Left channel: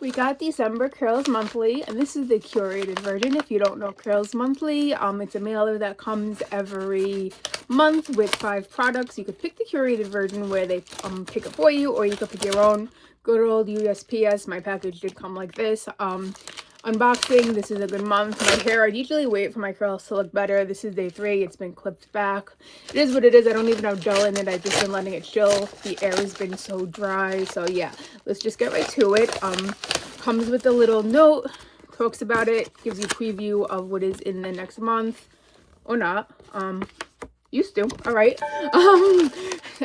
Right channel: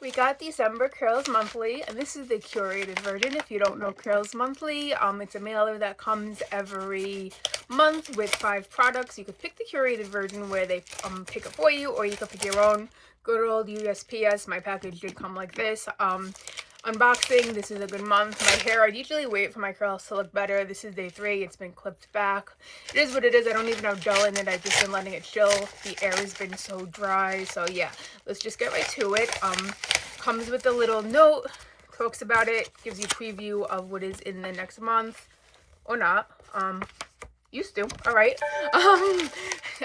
We got December Curls Monthly, and this is the curated version. If you don't know Curls Monthly, it's a mailer that comes every month with 5 products. You could pick the curated version where they pick it for you, or you could pick your own. Good old USPS. My package did come like this. Unboxing, this is a good month. My hair, I usually wait for my curls to look better. This is day 3. It's been clipped back. It is what it is. I don't even have gel in it. I've just been letting it chill. The air has been so dry. So yeah, let's just get right to it. Comes with a little note, talks about it, gives you a preview of what is in the next month, or not. Used to. All right.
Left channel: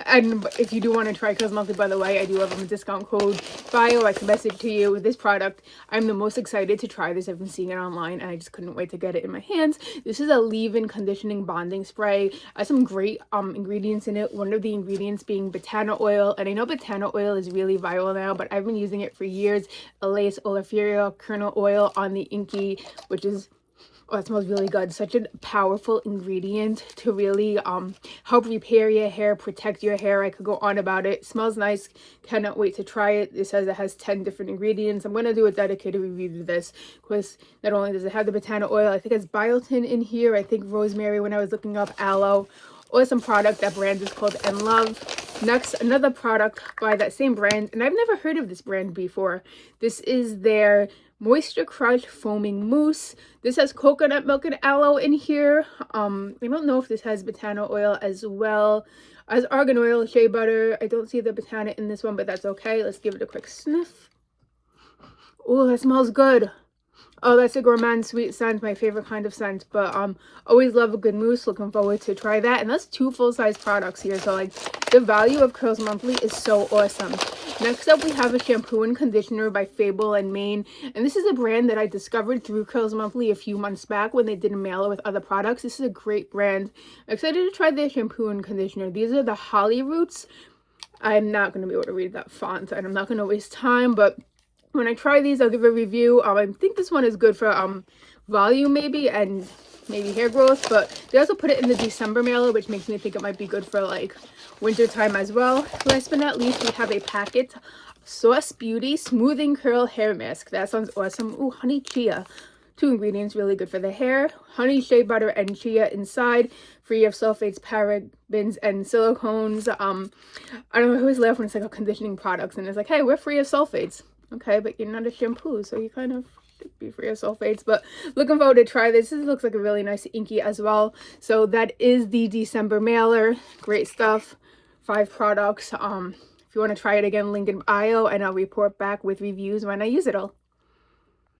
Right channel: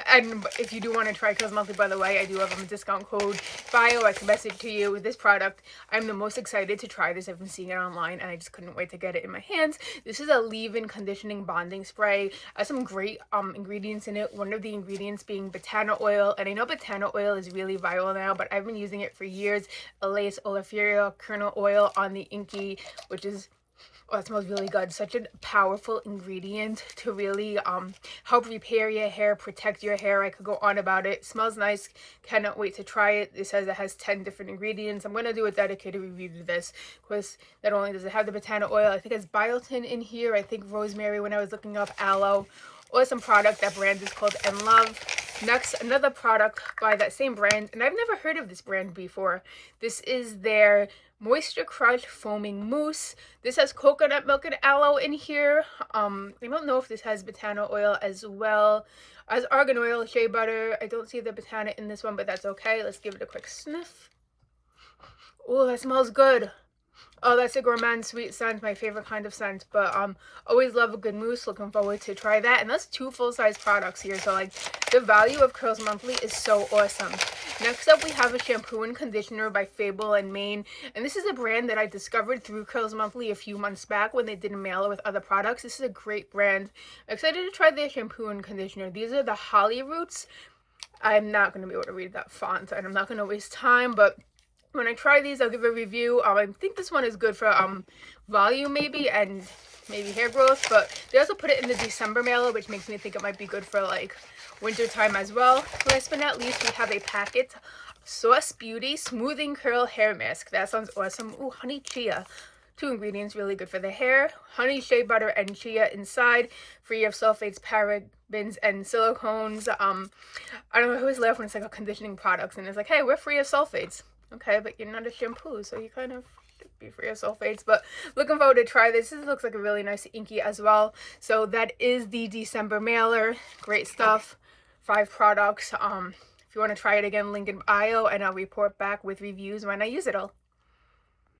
And if you do want to try Curls Monthly, by the way, I do have a discount code bio. I can message to you with this product. I'm the most excited to try this. I've been seeing it online and I just couldn't wait to get it in my hands. This is a leave-in conditioning bonding spray. It has some great ingredients in it. One of the ingredients being botana oil, and I know botana oil is really viral now, but I've been using it for years. Elais oleifera kernel oil on the Inky, which is, oh, it smells really good. Such a powerful ingredient to really help repair your hair, protect your hair. I could go on about it. Smells nice. Cannot wait to try it. It says it has 10 different ingredients. I'm going to do a dedicated review of this because not only does it have the botana oil, I think it's biotin in here. I think rosemary when I was looking up, aloe. Awesome product. That brand is called And Love. Next, another product by that same brand, and I've never heard of this brand before. This is their Moisture Crush Foaming Mousse. This has coconut milk and aloe in here. I don't know if this has botana oil as well as argan oil, shea butter. I don't see the botana in this one, but that's okay. Let's give it a quick sniff. Oh, that smells good. Oh, that's a gourmand sweet scent, my favorite kind of scent. But always love a good mousse. Looking forward to try that. And that's 2 full-size products here. So like the value of Curls Monthly is so awesome. Next up, we have a shampoo and conditioner by Fable and Maine. And this is a brand that I discovered through Curls Monthly a few months back when they did a mailer with other products. This is a great brand. Excited to try their shampoo and conditioner. These are the Holly Roots. I'm not going to be able to read that font, and I'm not going to waste time, but when I try these, I'll give a review. I think this one is good for volume maybe, and maybe hair growth, but they also put it in the December mailer, which makes me think it might be good for like winter time as well. Last but not least, we have a packet Sauce Beauty Smoothing Curl Hair Mask. That sounds awesome. Ooh, honey chia. 2 ingredients, really good for the hair. Honey, shea butter, and chia inside. Free of sulfates, parabens, and silicones. I don't know, I always laugh when it's like a conditioning products and it's like, hey, we're free of sulfates. Okay, but you're not a shampoo, so you kind of should be free of sulfates. But looking forward to try this. This looks like a really nice inky as well. So that is the December mailer. Great stuff. 5 products. If you want to try it again, link in bio, and I'll report back with reviews when I use it all.